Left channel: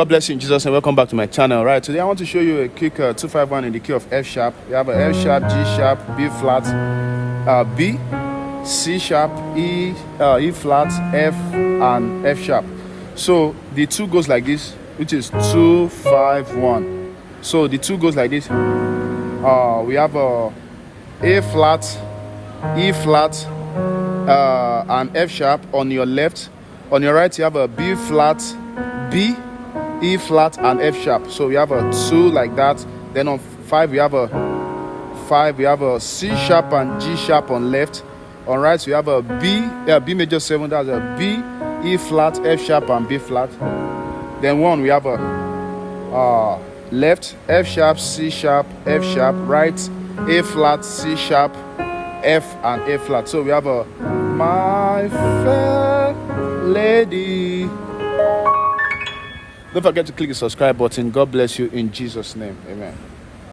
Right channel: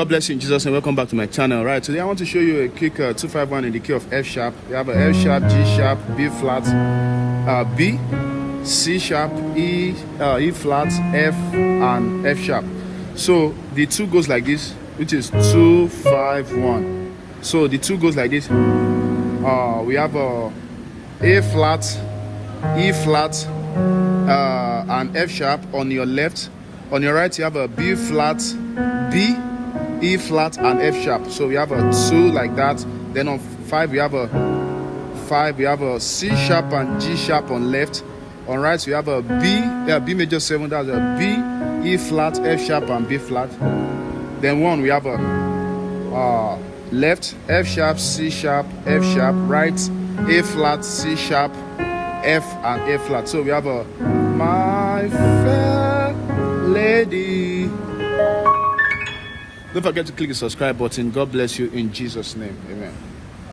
God bless you in Jesus' name. Welcome back to my channel. Right, today I want to show you a quick 251 in the key of F sharp. We have a F sharp, G sharp, B flat, B, C sharp, E flat, F, and F sharp. So the two goes like this, which is 251. So the two goes like this. We have a flat, E flat, and F sharp on your left. On your right, you have a B flat, B, E flat, and F sharp. So we have a 2 like that. Then on 5 we have a C sharp and G sharp on left. On right we have a B major 7. That's a B, E flat, F sharp, and B flat. Then 1 we have a left F sharp, C sharp, F sharp. Right A flat, C sharp, F, and A flat. So we have a my fair lady. Don't forget to click the subscribe button. God bless you in Jesus' name. Amen.